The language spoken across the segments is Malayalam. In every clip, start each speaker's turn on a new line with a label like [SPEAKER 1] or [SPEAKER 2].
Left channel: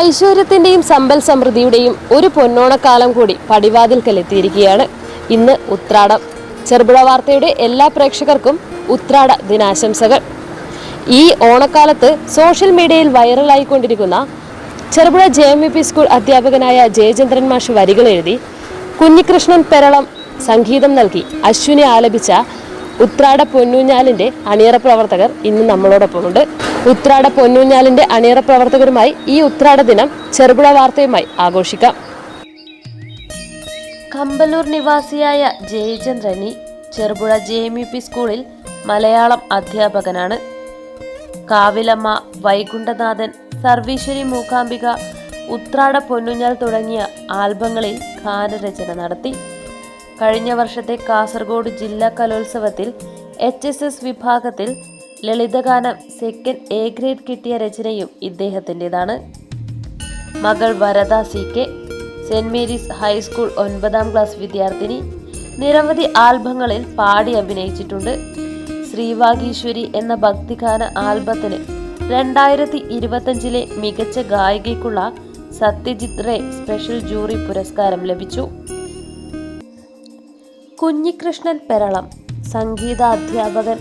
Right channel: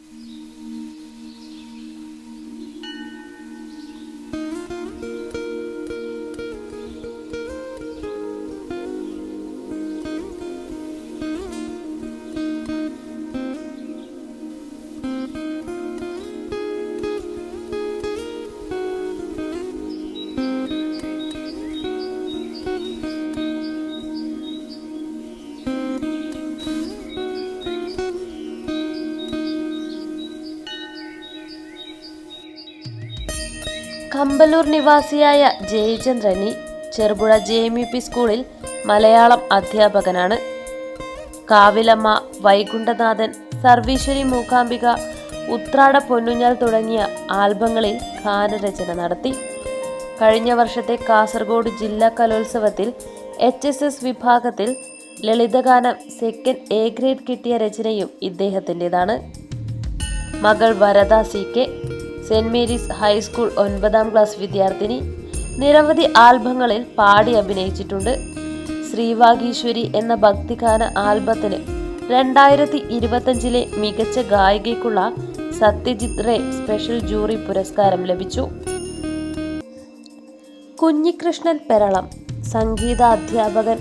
[SPEAKER 1] ഐശ്വര്യത്തിന്റെയും സമ്പൽ സമൃദ്ധിയുടെയും ഒരു പൊന്നോണക്കാലം കൂടി പടിവാതിൽക്കൽ എത്തിയിരിക്കുകയാണ് ഇന്ന് ഉത്രാടം. ചെറുപുഴ വാർത്തയുടെ എല്ലാ പ്രേക്ഷകർക്കും ഉത്രാട ദിനാശംസകൾ. ഈ ഓണക്കാലത്ത് സോഷ്യൽ മീഡിയയിൽ വൈറലായിക്കൊണ്ടിരിക്കുന്ന Cherupuzha J M P school അധ്യാപകനായ ജയചന്ദ്രൻ മാഷ് വരികൾ എഴുതി കുഞ്ഞികൃഷ്ണൻ പെരളം സംഗീതം നൽകി അശ്വിനെ ആലപിച്ച ഉത്രാട പൊന്നൂഞ്ഞാലിന്റെ അണിയറ പ്രവർത്തകർ ഇന്ന് നമ്മളോടൊപ്പമുണ്ട്. ഉത്രാട പൊന്നൂഞ്ഞാലിന്റെ അണിയറ പ്രവർത്തകരുമായി ഈ ഉത്രാട ദിനം ചെറുപുഴ വാർത്തയുമായി ആഘോഷിക്കാം. കമ്പലൂർ നിവാസിയായ ജയചന്ദ്രനി Cherupuzha J M U P സ്കൂളിൽ മലയാളം അധ്യാപകനാണ്. കാവിലമ്മ വൈകുണ്ഠനാഥൻ സർവീശ്വരി മൂകാംബിക ഉത്രാട പൊന്നുഞ്ഞാൽ തുടങ്ങിയ ആൽബങ്ങളിൽ ഗാനരചന നടത്തി. കഴിഞ്ഞ വർഷത്തെ കാസർഗോഡ് ജില്ലാ കലോത്സവത്തിൽ എച്ച് എസ് എസ് വിഭാഗത്തിൽ ലളിതഗാനം സെക്കൻഡ് എ ഗ്രേഡ് കിട്ടിയ രചനയും ഇദ്ദേഹത്തിന്റെതാണ്. മകൾ Varada C K saint Mary's high school ഒൻപതാം ക്ലാസ് വിദ്യാർത്ഥിനി നിരവധി ആൽബങ്ങളിൽ പാടി അഭിനയിച്ചിട്ടുണ്ട്. ശ്രീവാഗീശ്വരി എന്ന ഭക്തിഗാന ആൽബത്തിന് രണ്ടായിരത്തി ഇരുപത്തഞ്ചിലെ മികച്ച ഗായികയ്ക്കുള്ള സത്യജിത് റേ സ്പെഷ്യൽ ജൂറി പുരസ്കാരം ലഭിച്ചു. കുഞ്ഞികൃഷ്ണൻ പെരളം സംഗീതാധ്യാപകൻ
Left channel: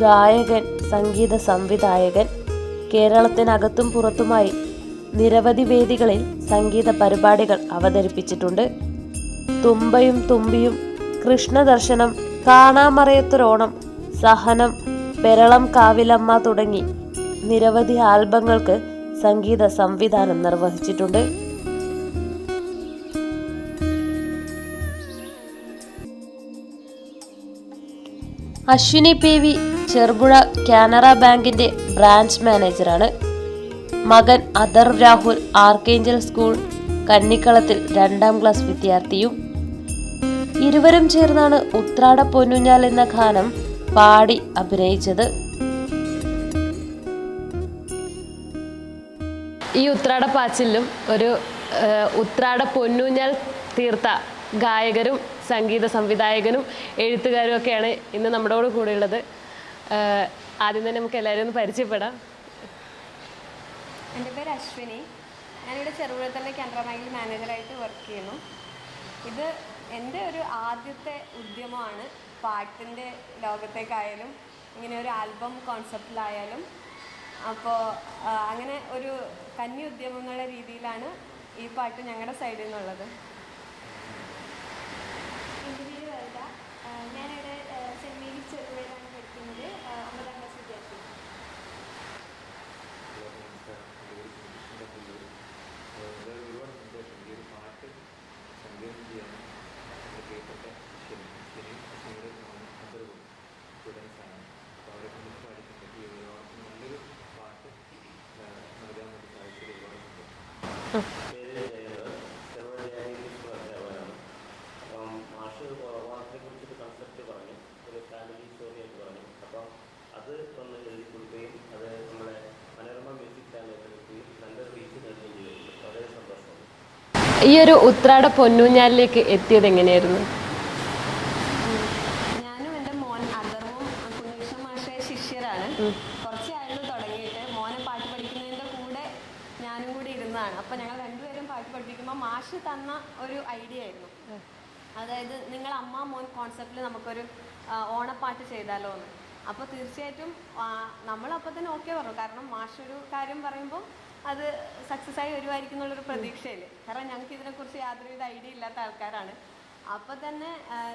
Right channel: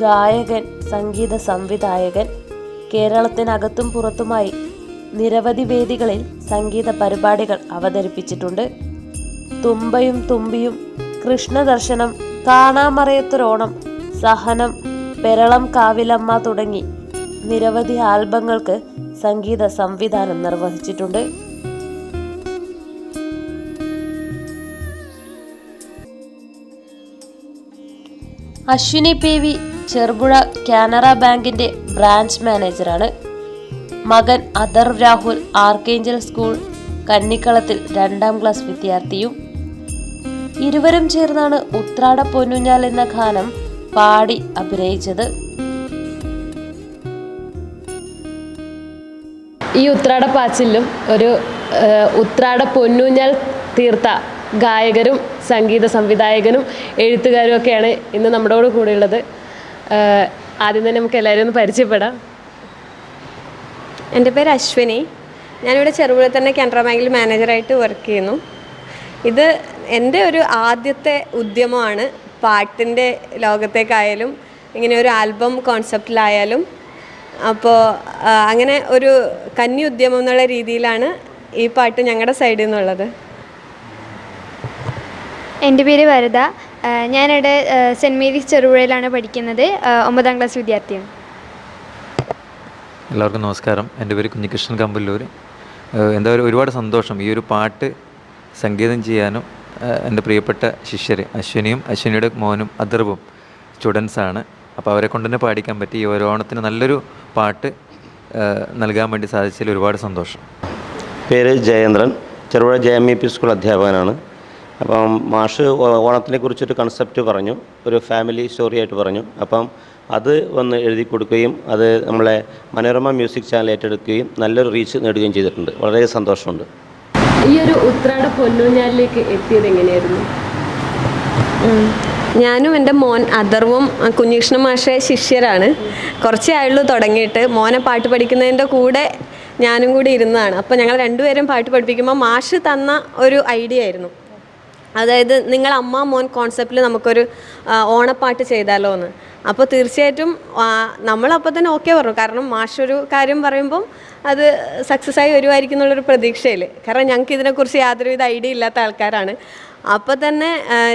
[SPEAKER 1] ഗായകൻ സംഗീത സംവിധായകൻ. കേരളത്തിനകത്തും പുറത്തുമായി നിരവധി വേദികളിൽ സംഗീത പരിപാടികൾ അവതരിപ്പിച്ചിട്ടുണ്ട്. തുമ്പയും തുമ്പിയും കൃഷ്ണദർശനം കാണാമറയത്തൊരോണം സഹനം പെരളം കാവിലമ്മ തുടങ്ങി നിരവധി ആൽബങ്ങൾക്ക് സംഗീത സംവിധാനം നിർവഹിച്ചിട്ടുണ്ട്. അശ്വിനി പി വി ചെറുപുഴ കാനറ ബാങ്കിന്റെ ബ്രാഞ്ച് മാനേജറാണ്. മകൻ അദർ രാഹുൽ ആർക്കേഞ്ചൽ സ്കൂൾ കന്നിക്കളത്തിൽ രണ്ടാം ക്ലാസ് വിദ്യാർത്ഥിയും. ഇരുവരും ചേർന്നാണ് ഉത്രാട പൊന്നുഞ്ഞാൽ എന്ന ഗാനം പാടി അഭിനയിച്ചത്. ഈ ഉത്രാട പാച്ചിലും ഒരു ഉത്രാട പൊന്നുഞ്ഞാൽ തീർത്ത ഗായകരും സംഗീത സംവിധായകനും എഴുത്തുകാരും ഒക്കെയാണ് ഇന്ന് നമ്മുടെ കൂടെ കൂടെയുള്ളത് ആദ്യം തന്നെ നമുക്ക് എല്ലാവരും ഒന്ന് പരിചയപ്പെടാം.
[SPEAKER 2] എന്റെ പേര് അശ്വിനി. ഞാനിവിടെ ചെറുപുഴ തന്നെ കാനറ ബാങ്കിൽ മാനേജറായിട്ട് വർക്ക് ചെയ്യുന്നു. ഇത് എന്റെ ഒരു ആദ്യത്തെ ഉദ്യമമാണ്. പാട്ടിന്റെ ലോകത്തേക്കായാലും ഇങ്ങനെ ഒരു ആൽബം കോൺസെപ്റ്റിലായാലും അപ്പോൾ അങ്ങനെ ഒരു കന്നി ഉദ്യമം എന്നുള്ള രീതിയിലാണ് ഈ പാട്ട് ഞങ്ങളുടെ സൈഡിൽ നിന്നുള്ളത്
[SPEAKER 3] എന്റെ പേര് വരദ. ഞാനിവിടെ സെന്റ് സെന്റ് മേരീസ് ചെറുപുഴയിലാണ് പഠിക്കുന്നത്. ഒമ്പതാം ക്ലാസ് വിദ്യാർത്ഥിയാണ്
[SPEAKER 4] എല്ലാവർക്കും നമസ്കാരം. എന്റെ പേര് കുഞ്ഞികൃഷ്ണൻ കമ്പല്ലൂർ എന്തായാലും എന്താ പറയുക ഒരുപാട് സന്തോഷം ഈ ഒരു പാട്ട് സംഗീതം ചെയ്യാനും എന്റെ പ്രിയപ്പെട്ട ശിഷ്യർ അശ്വിനിയും അശ്വിനിയുടെ മോനും അദർവും സ്റ്റുഡൻസാണ് അപ്പോൾ അവരെ കൊണ്ട് തന്നെ പാടിക്കാൻ പറ്റി ഈ ഒരു ഓണത്തിന് നല്ലൊരു പാട്ട് നൽകാൻ വേണ്ടി സാധിച്ചതിൽ ഒരുപാട് സന്തോഷം.
[SPEAKER 5] പേര് Jayendran. Cherupuzha J M E P school അധ്യാപകനാണ്. അപ്പം മാഷ് ഓണത്തിനെ കുറിച്ചൊരു കൺസെപ്റ്റ് പറഞ്ഞു ഒരു ഫാമിലി സ്റ്റോറി ആയിട്ട് പറഞ്ഞു. അപ്പം അത് വന്ന് എഴുതി കൊടുക്കുകയും അത് നമ്മളെ മനോരമ മ്യൂസിക് ചാനൽ ഏറ്റെടുക്കുകയും നല്ലൊരു റീച്ച് നേടുകയും ചെയ്തിട്ടുണ്ട്. വളരെ സന്തോഷമുണ്ട്.
[SPEAKER 1] ഈ ഒരു ഉത്രാട പൊന്നൂഞ്ഞാലിലേക്ക് എത്തിയത് എങ്ങനെയായിരുന്നു?
[SPEAKER 2] ഞാനും എന്റെ മോൻ അദർവും ആ, കുഞ്ഞികൃഷ്ണ മാഷെ ശിഷ്യരാണ്. കുറച്ചേ ആയുള്ളൂ തുടങ്ങിയിട്ട്. മോനെ പാട്ട് പഠിക്കുന്നതിന്റെ കൂടെ ഞാനും കൂടി ഇരുന്നതാണ്. അപ്പോൾ ഞങ്ങൾ രണ്ടുപേരും പാട്ട് പഠിപ്പിക്കുമ്പോൾ മാഷ് തന്ന ഒരു ഐഡിയ ആയിരുന്നു. അതായത് നിങ്ങൾ അമ്മ മോൻ കോൺസെപ്റ്റിൽ നമുക്കൊരു ഓണപ്പാട്ട് ചെയ്താലോ എന്ന് അപ്പോൾ തീർച്ചയായിട്ടും നമ്മളപ്പോൾ തന്നെ ഓക്കെ പറഞ്ഞു. കാരണം മാഷൊരു കാര്യം പറയുമ്പം അത് സക്സസ് ആയി വരുമായിരിക്കും എന്നുള്ളൊരു പ്രതീക്ഷയിൽ കാരണം ഞങ്ങൾക്ക് ഇതിനെക്കുറിച്ച് യാതൊരുവിധ ഐഡിയ ഇല്ലാത്ത ആൾക്കാരാണ്. അപ്പോൾ തന്നെ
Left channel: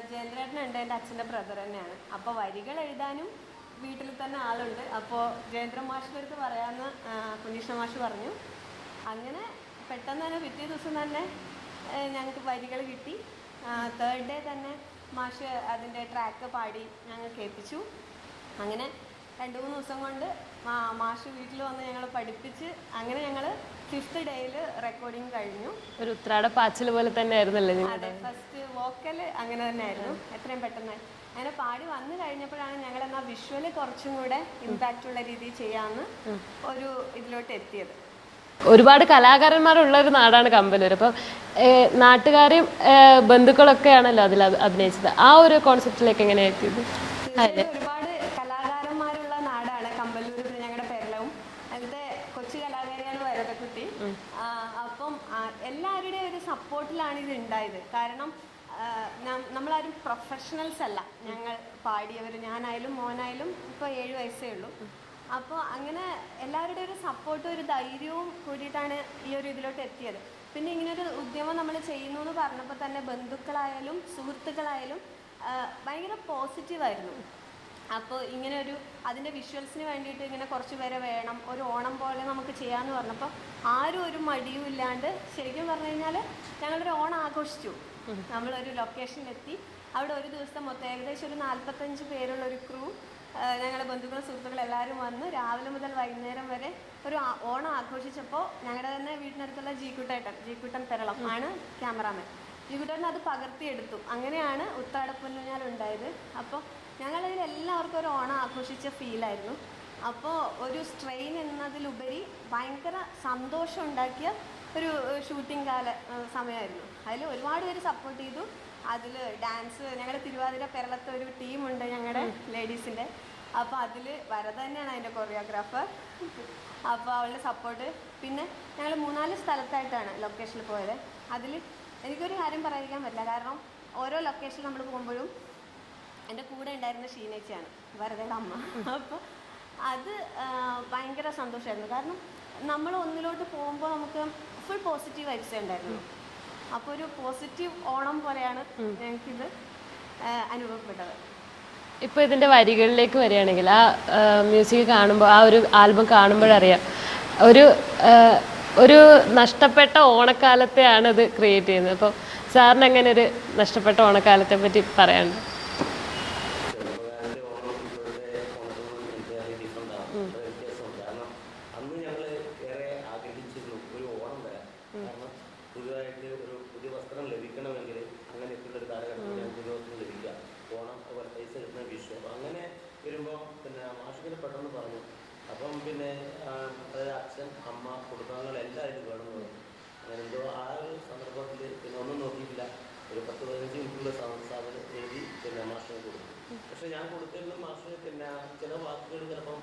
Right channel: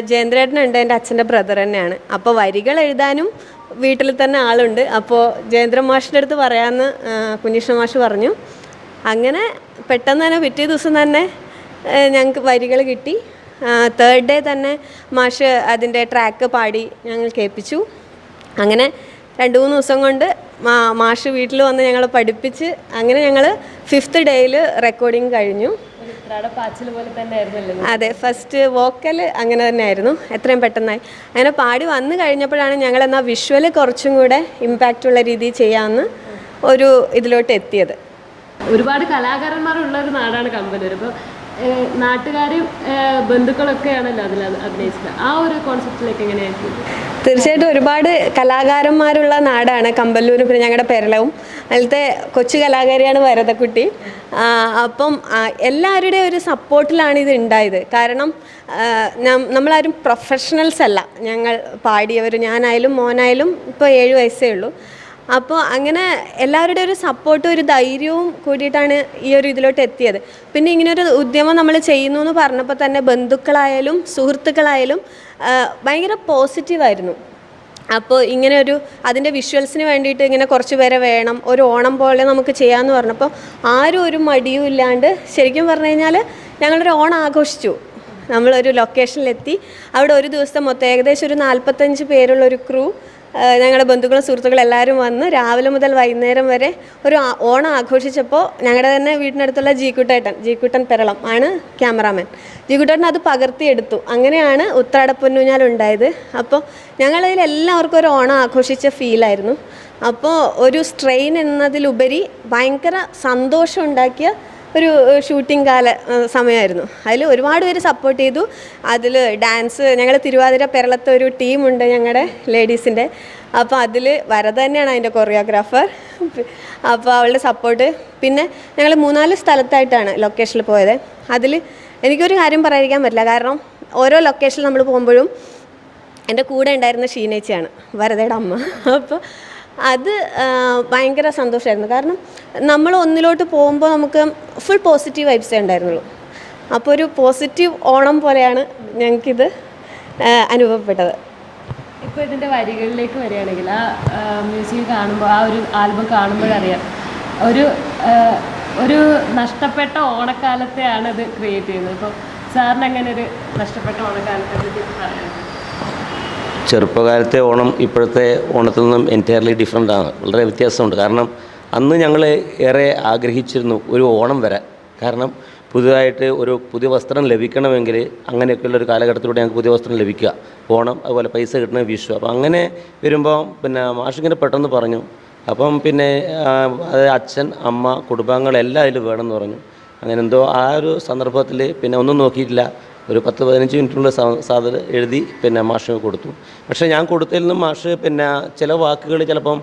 [SPEAKER 2] ജയേന്ദ്രേട്ടനുണ്ട് എന്റെ അച്ഛന്റെ ബ്രദർ തന്നെയാണ്. അപ്പോൾ വരികൾ എഴുതാനും വീട്ടിൽ തന്നെ ആളുണ്ട്. അപ്പോൾ ജയേന്ദ്ര മാഷിന്റെ അടുത്ത് പറയാമെന്ന് കുഞ്ഞിഷ്ണ മാഷ് പറഞ്ഞു. അങ്ങനെ പെട്ടെന്ന് തന്നെ പിറ്റേ ദിവസം തന്നെ ഞങ്ങൾക്ക് വരികൾ കിട്ടി. തേർഡ് ഡേ തന്നെ മാഷ് അതിന്റെ ട്രാക്ക് പാടി ഞങ്ങൾ കേൾപ്പിച്ചു. അങ്ങനെ രണ്ട് മൂന്ന് ദിവസം കൊണ്ട് മാ മാഷ് വീട്ടിൽ വന്ന് ഞങ്ങളെ പഠിപ്പിച്ച് അങ്ങനെ ഞങ്ങൾ ഫിഫ്ത്ത് ഡേയിൽ റെക്കോർഡിങ് കഴിഞ്ഞു. അതെ ഫസ്റ്റ് വോക്കൽ അങ്ങനെ തന്നെ ആയിരുന്നു എത്രയും പെട്ടെന്നായി. അങ്ങനെ പാടി വന്നു കഴിഞ്ഞപ്പോഴാണ് ഞങ്ങൾ എന്നാൽ വിഷ്വൽ കുറച്ചും കൂടെ ഇമ്പാക്റ്റ് ഉള്ള രീതിയിൽ ചെയ്യാമെന്ന് ഒരു ഇതിലോട്ട് എത്തിയത്.
[SPEAKER 1] ഒരുപാട് കലാകാരന്മാരുള്ള ഒരു നാടാണ് കമ്പനൂർ. അപ്പം ഏഹ്, നാട്ടുകാരും ഏഹ്, ബന്ധുക്കളൊക്കെയാണല്ലോ അതിൽ അത് അഭിനയിച്ചത്. ആ ഒരു കോൺസെപ്റ്റിലേക്ക് എങ്ങനെയായിരിക്കും?
[SPEAKER 2] തീർച്ചയായിട്ടും ഒരുപാട് കലാകാരന്മാരുള്ള നാടാണ്. കമ്പല്ലൂർ പിന്നെ ഞങ്ങളുടെ പെരളവും. അതിലത്തെ കൊച്ചു കലാകാരിയാണ് വരതക്കുട്ടി. അപ്പം എല്ലാവരുടെ ഒരു സപ്പോർട്ടിലാണ് ഇത് ഉണ്ടായത് കാരണം നമ്മളാരും പ്രൊഫഷണൽസ് അല്ല. ഞങ്ങൾ പാടിയവർ ഞാനായാലും മോനായാലും ഇപ്പോൾ ഏഴ് വയസ്സേ ഉള്ളൂ. അപ്പോൾ അങ്ങനെ എല്ലാവരുടെ ഒരു സപ്പോർട്ടും ഒരു ധൈര്യവും കൂടിയിട്ടാണ് ഈ ഒരു ഇതിലോട്ട് എത്തിയത്. പിന്നെ ഇങ്ങനൊരു ഉദ്യമം നമ്മൾ ചെയ്യുന്നു എന്ന് പറഞ്ഞപ്പോൾ തന്നെ ബന്ധുക്കളായാലും സുഹൃത്തുക്കളായാലും ഭയങ്കര പോസിറ്റീവായിരുന്നു അപ്പോൾ ഇങ്ങനെ ഒരു അതിന്റെ വിഷ്വൽസിന് വേണ്ടിയിട്ട് ഇങ്ങനെ കുറച്ച് പേരെ വേണം ഒരു ഓണം പോലെ നമുക്ക് ചെയ്യാമെന്ന് പറഞ്ഞപ്പോൾ ആരും ഒരു മടിയും ഇല്ലാണ്ട് ശരിക്കും പറഞ്ഞു കഴിഞ്ഞാൽ ഞങ്ങളൊരു ഓണം ആഘോഷിച്ചു. നമ്മളൊരു ലൊക്കേഷനിലെത്തി അവിടെ ഒരു ദിവസം മൊത്തം ഏകദേശം ഒരു നാൽപ്പത്തഞ്ച് പേരുള്ള ഒരു ക്രൂ ഞങ്ങളുടെ ബന്ധുക്കളും സുഹൃത്തുക്കളും എല്ലാവരും വന്ന് രാവിലെ മുതൽ വൈകുന്നേരം വരെ ഒരു ഓണം ആഘോഷിച്ചപ്പോൾ ഞങ്ങളുടെ തന്നെ വീടിനടുത്തുള്ള ജീക്കുട്ടേട്ടൻ ജീക്കുട്ടൻ പെരളം ആണ് ക്യാമറാമാൻ. ജീക്കുട്ടേട്ടൻ അത് പകർത്തിയെടുത്തു. അങ്ങനെയാണ് ഉത്രാടപ്പൊന്നൂഞ്ഞാൽ ഉണ്ടായത്. അപ്പോൾ ഞങ്ങളതിൽ എല്ലാവർക്കും ഒരു ഓണം ആഘോഷിച്ച ഫീലായിരുന്നു അപ്പോൾ ഒരു സ്ട്രെയിൻ എന്നതിലുപരി ഭയങ്കര സന്തോഷം ഉണ്ടാക്കിയ ഒരു ഷൂട്ടിംഗ് കാല സമയമായിരുന്നു. അതിൽ ഒരുപാട് പേര് സപ്പോർട്ട് ചെയ്തു. അതിൽ ഡാൻസ് ഞങ്ങൾ തിരുവാതിര പെരളത്തെ ഒരു ടീമുണ്ട് ഞങ്ങളുടെ ലേഡീസിന്റെ അപ്പോൾ അതിൽ വരദ തന്നെയാണ് അതിന്റെ കൊറിയോഗ്രാഫർ അപ്പോൾ അവളുടെ സപ്പോർട്ട് പിന്നെ ഞങ്ങൾ മൂന്നാൽ സ്ഥലത്തായിട്ടാണ് ലൊക്കേഷനിൽ പോയത്. അതിൽ എനിക്കൊരു കാര്യം പറയാതിരിക്കാൻ പറ്റില്ല. കാരണം ഓരോ ലൊക്കേഷനിൽ നമ്മൾ പോകുമ്പോഴും എന്റെ കൂടെ ഉണ്ടായിരുന്ന ഷീനേച്ചിയാണ്. വരതയുടെ അമ്മ. അപ്പോൾ അത് ഭയങ്കര സന്തോഷമായിരുന്നു കാരണം നമ്മൾ ഒന്നിലോട്ട് പോകുമ്പോൾ നമുക്ക് ഫുൾ പോസിറ്റീവ് വൈബ്സേ ഉണ്ടായിരുന്നുള്ളൂ. അപ്പോൾ ഒരു പോസിറ്റീവ് ഓണം പോലെയാണ് ഞങ്ങൾക്കിത് അനുഭവപ്പെട്ടത്.
[SPEAKER 1] ഇപ്പോൾ ഇതിന്റെ വരികളിലേക്ക് വരികയാണെങ്കിൽ ആ മ്യൂസിക് കാണുമ്പോൾ ആ ഒരു ആൽബം കാണുമ്പോഴറിയാം ഒരു ഒരു നഷ്ടപ്പെട്ട ഓണക്കാലത്തെയാണ് ഇത് ക്രിയേറ്റ് ചെയ്യുന്നത്. അപ്പോൾ സാറിന് അങ്ങനെ ഒരു നഷ്ടപ്പെട്ട ഓണക്കാലത്തെ പറ്റി പറയാം
[SPEAKER 5] ചെറുപ്പകാലത്തെ ഓണം ഇപ്പോഴത്തെ ഓണത്തിൽ നിന്നും എന്റയർലി ഡിഫറെന്റ് ആണ്. വളരെ വ്യത്യാസമുണ്ട്. കാരണം അന്ന് ഞങ്ങൾ ഏറെ ആഗ്രഹിച്ചിരുന്നു ഒരു ഓണം വരാൻ. കാരണം പുതുതായിട്ട് ഒരു പുതിയ വസ്ത്രം ലഭിക്കണമെങ്കിൽ അങ്ങനെയൊക്കെയുള്ള ഒരു കാലഘട്ടത്തിലൂടെ ഞങ്ങൾക്ക് പുതിയ വസ്ത്രം ലഭിക്കുക. ഓണം അതുപോലെ പൈസ കിട്ടണ വിഷു. അപ്പോൾ അങ്ങനെ വരുമ്പോൾ പിന്നെ മാഷിങ്ങനെ പെട്ടെന്ന് പറഞ്ഞു. അപ്പം പിന്നെ അത് അച്ഛൻ അമ്മ കുടുംബാംഗങ്ങളെല്ലാം അതിൽ വേണമെന്ന് പറഞ്ഞു. അങ്ങനെ എന്തോ ആ ഒരു സന്ദർഭത്തിൽ പിന്നെ ഒന്നും നോക്കിയിട്ടില്ല. ഒരു പത്ത് പതിനഞ്ച് മിനിറ്റിനുള്ള സാധനം എഴുതി പിന്നെ മാഷിന് കൊടുത്തു. പക്ഷേ ഞാൻ കൊടുത്തതിൽ നിന്നും മാഷ് പിന്നെ ചില വാക്കുകൾ ചിലപ്പം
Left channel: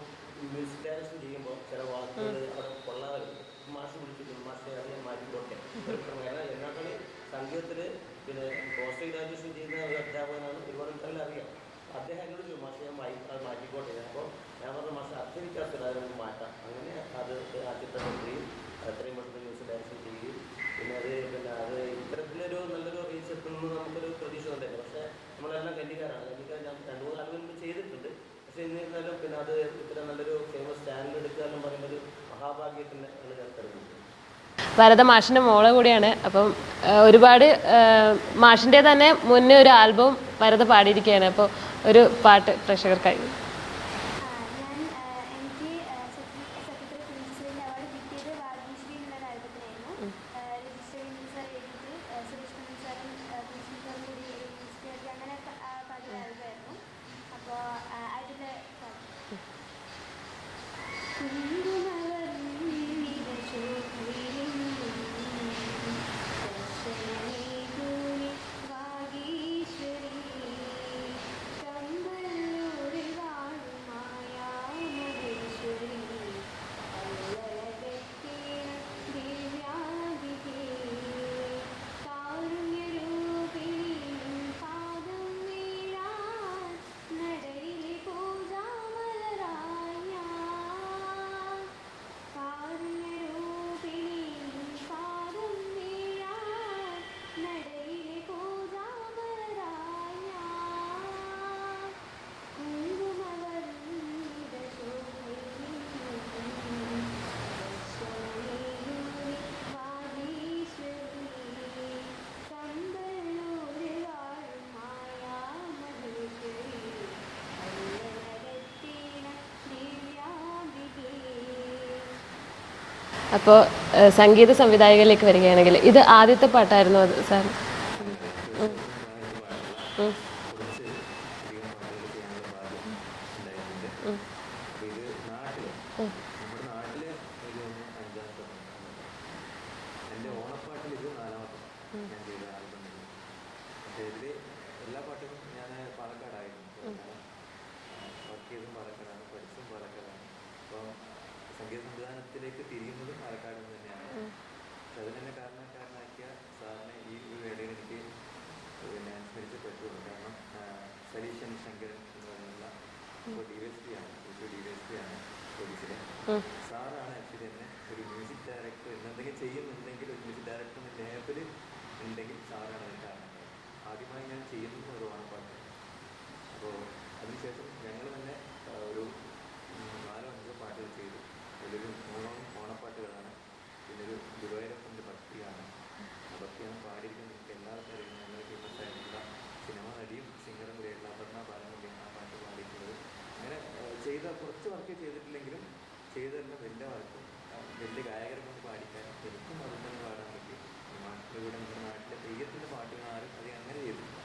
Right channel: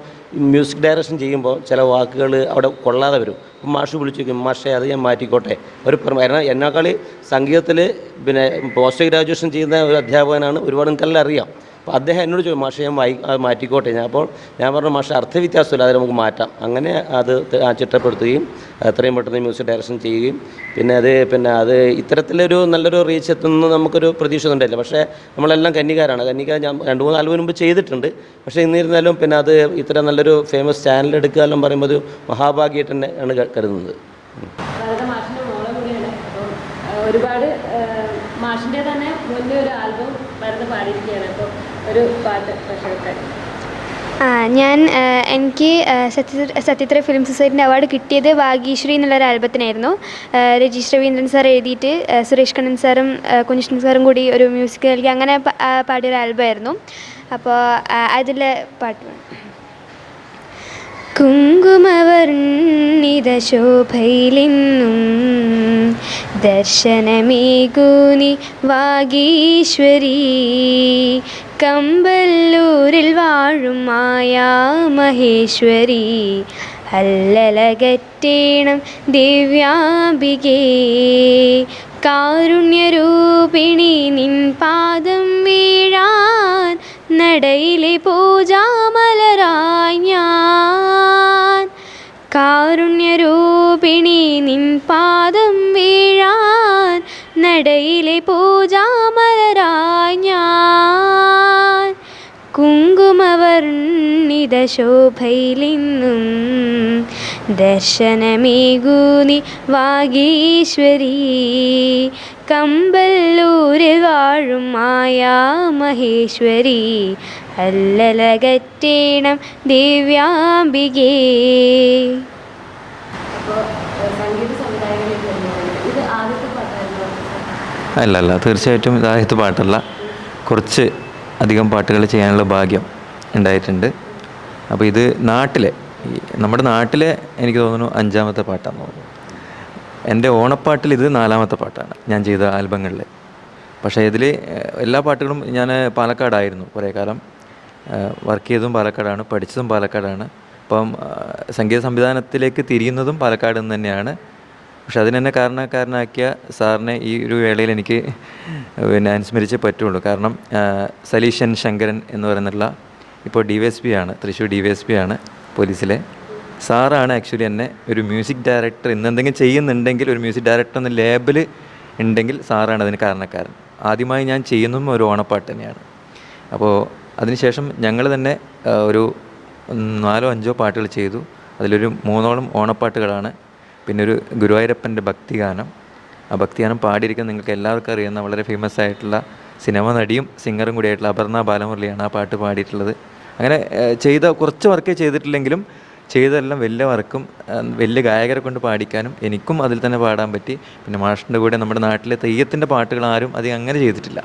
[SPEAKER 5] മ്യൂസിക് ഡയറക്ഷൻ ചെയ്യുമ്പോൾ ചില വാക്കുകൾ അവിടെ കൊള്ളാതെ വരും. അപ്പം മാഷ് വിളിച്ചു ചോദിക്കും മാഷേ അത് ഞാൻ മാറ്റിക്കോട്ടെ. ഒരു കാരണം എന്നെക്കാൾ സംഗീതത്തിൽ പിന്നെ പോസ്റ്റ് ഗ്രാജുവേഷൻ ചെയ്യുന്ന ഒരു അധ്യാപകനാണ് ഒരുപാട് നിങ്ങൾക്കെല്ലാം അറിയാം. അപ്പോൾ അദ്ദേഹം എന്നോട് ചോദിച്ചു മാഷെ ഞാൻ വായി അത് മാറ്റിക്കോട്ടെ. ഞാൻ അപ്പോൾ ഞാൻ പറഞ്ഞു മാഷെ അർത്ഥവ്യത്യാസമില്ല അത് നമുക്ക് മാറ്റാം. അങ്ങനെ അത് ചിട്ടപ്പെടുത്തുകയും എത്രയും പെട്ടെന്ന് മ്യൂസിക് ഡയറക്ഷൻ ചെയ്യുകയും പിന്നെ അത് പിന്നെ അത് ഇത്തരത്തിലൊരു നല്ലൊരു റീച്ച് എത്തുന്നു നമുക്കൊരു പ്രതീക്ഷ ഉണ്ടായില്ല. പക്ഷേ നമ്മളെല്ലാം കന്നികാരാണ്. കന്നികാർ ഞാൻ രണ്ട് മൂന്ന് ആൽബം മുമ്പ് ചെയ്തിട്ടുണ്ട്. പക്ഷേ ഇന്നിരുന്നാലും പിന്നെ അത് ഇത്ര നല്ലൊരു ഫേമസ് ചാനൽ എടുക്കുക എല്ലാം പറയുമ്പോൾ ഒരു മഹാഭാഗ്യമായിട്ട് തന്നെ ആണ് കരുതുന്നത്.
[SPEAKER 1] ഭരത മാഷിന്റെ മോളെ കൂടിയാണ്. അപ്പം ഒരുപാട് മാഷിന്റെ തന്നെ മുന്നേ ഒരു ആൽബം ഭരത പാടിയിരിക്കുകയാണ്. അപ്പോൾ ഒരു പാട്ട്
[SPEAKER 3] പ്രഷർക്കായി ഞാൻ എനിക്ക് സത്യ സത്യത്ര ഫിലിം സൊസൈറ്റിന്റെ അവാർഡ് കിട്ടിയത് ഭാഗ്യശ്രീ എന്നുള്ളൊരു ആൽബത്തിനായിരുന്നു. രജീഷ് രവീന്ദ്രൻ സാർ എഴുതിയിട്ട് സുരേഷ് കണ്ണൻ സാറും കുഞ്ഞിഷ്ണൻ സാറും കൂടി ഒരു മ്യൂസിക് നൽകി അങ്ങനെ പാടിയൊരു ആൽബമായിരുന്നു. അപ്പോൾ അതിലെ പാട്ട്. കുങ്കുമവർണിത ശോഭയിലെന്നും ദർശനമേകൂനി വാഗീശ്വരി. കമ്പല്ലൂരിൽ വാഴും മായാ മഹേശ്വരി. അല്ലലകറ്റേണം ദിവ്യാംബികേ. കാരുണ്യരൂപിണി നിൻ പാദം വീഴാൻ നടയിലെ പൂജാമലരായ ഞാൻ. കാരുണ്യരൂപിണി നിൻ പാദം വീഴാൻ നടയിലെ പൂജാമലരായി ശോഭയിലിന്നും ദർശനമേകൂനി വാഗീശ്വരി. കമ്പല്ലൂർ വാഴും മായാ മഹേശ്വരി. അല്ലലകറ്റേണം ദിവ്യാംബികേ.
[SPEAKER 1] അപ്പോൾ സംഗീത സംവിധായകരിലേക്ക് വരികയാണെങ്കിൽ ഇത് ആദ്യത്തെ പാട്ടായിരുന്നു സാർ?
[SPEAKER 4] അല്ല അല്ല തീർച്ചയായിട്ടും ഇതാദ്യത്തെ പാട്ടല്ല. കുറച്ച് അധികം പാട്ടുകൾ ചെയ്യാനുള്ള ഭാഗ്യം ഉണ്ടായിട്ടുണ്ട്. അപ്പോൾ ഇത് നാട്ടിലെ നമ്മുടെ നാട്ടിലെ എനിക്ക് തോന്നുന്നു അഞ്ചാമത്തെ പാട്ടാന്ന് തോന്നുന്നു. എന്റെ ഓണപ്പാട്ടിൽ ഇത് നാലാമത്തെ പാട്ടാണ് ഞാൻ ചെയ്ത ആൽബങ്ങളിൽ. പക്ഷേ ഇതിൽ എല്ലാ പാട്ടുകളും ഞാൻ പാലക്കാടായിരുന്നു കുറേ കാലം. വർക്ക് ചെയ്തതും പാലക്കാടാണ് പഠിച്ചതും പാലക്കാടാണ്. അപ്പം സംഗീത സംവിധാനത്തിലേക്ക് തിരിയുന്നതും പാലക്കാട് നിന്ന് തന്നെയാണ്. പക്ഷെ അതിനെന്നെ കാരണക്കാരനാക്കിയ സാറിനെ ഈ ഒരു വേളയിൽ എനിക്ക് പിന്നെ അനുസ്മരിച്ചേ പറ്റുള്ളൂ. കാരണം സലീഷൻ ശങ്കരൻ എന്ന് പറയുന്നുള്ള ഇപ്പോൾ ഡി വൈ എസ് പി ആണ് Thrissur D Y S P ആണ് പോലീസിലെ. സാറാണ് ആക്ച്വലി എന്നെ ഒരു മ്യൂസിക് ഡയറക്ടർ ഇന്ന് എന്തെങ്കിലും ചെയ്യുന്നുണ്ടെങ്കിൽ ഒരു മ്യൂസിക് ഡയറക്ടർ എന്ന ലേബിൾ ഉണ്ടെങ്കിൽ സാറാണ് അതിന് കാരണക്കാരൻ. ആദ്യമായി ഞാൻ ചെയ്യുന്നതും ഒരു ഓണപ്പാട്ട് തന്നെയാണ്. അപ്പോൾ അതിനുശേഷം ഞങ്ങൾ തന്നെ ഒരു നാലോ അഞ്ചോ പാട്ടുകൾ ചെയ്തു. അതിലൊരു മൂന്നോളം ഓണപ്പാട്ടുകളാണ്. പിന്നെ ഒരു ഗുരുവായൂരപ്പന്റെ ഭക്തിഗാനം. ആ ഭക്തിഗാനം പാടിയിരിക്കുന്ന നിങ്ങൾക്ക് എല്ലാവർക്കും അറിയുന്ന വളരെ ഫേമസ് ആയിട്ടുള്ള സിനിമ നടിയും സിംഗറും കൂടിയായിട്ടുള്ള അപർണ ബാലമുരളിയാണ് ആ പാട്ട് പാടിയിട്ടുള്ളത്. അങ്ങനെ ചെയ്ത കുറച്ച് വർക്കേ ചെയ്തിട്ടില്ലെങ്കിലും ചെയ്തതെല്ലാം വലിയ വർക്കും വലിയ ഗായകരെ കൊണ്ട് പാടിക്കാനും എനിക്കും അതിൽ തന്നെ പാടാൻ പറ്റി. പിന്നെ മാഷിന്റെ കൂടെ നമ്മുടെ നാട്ടിലെ തെയ്യത്തിന്റെ പാട്ടുകൾ ആരും അധികം അങ്ങനെ ചെയ്തിട്ടില്ല.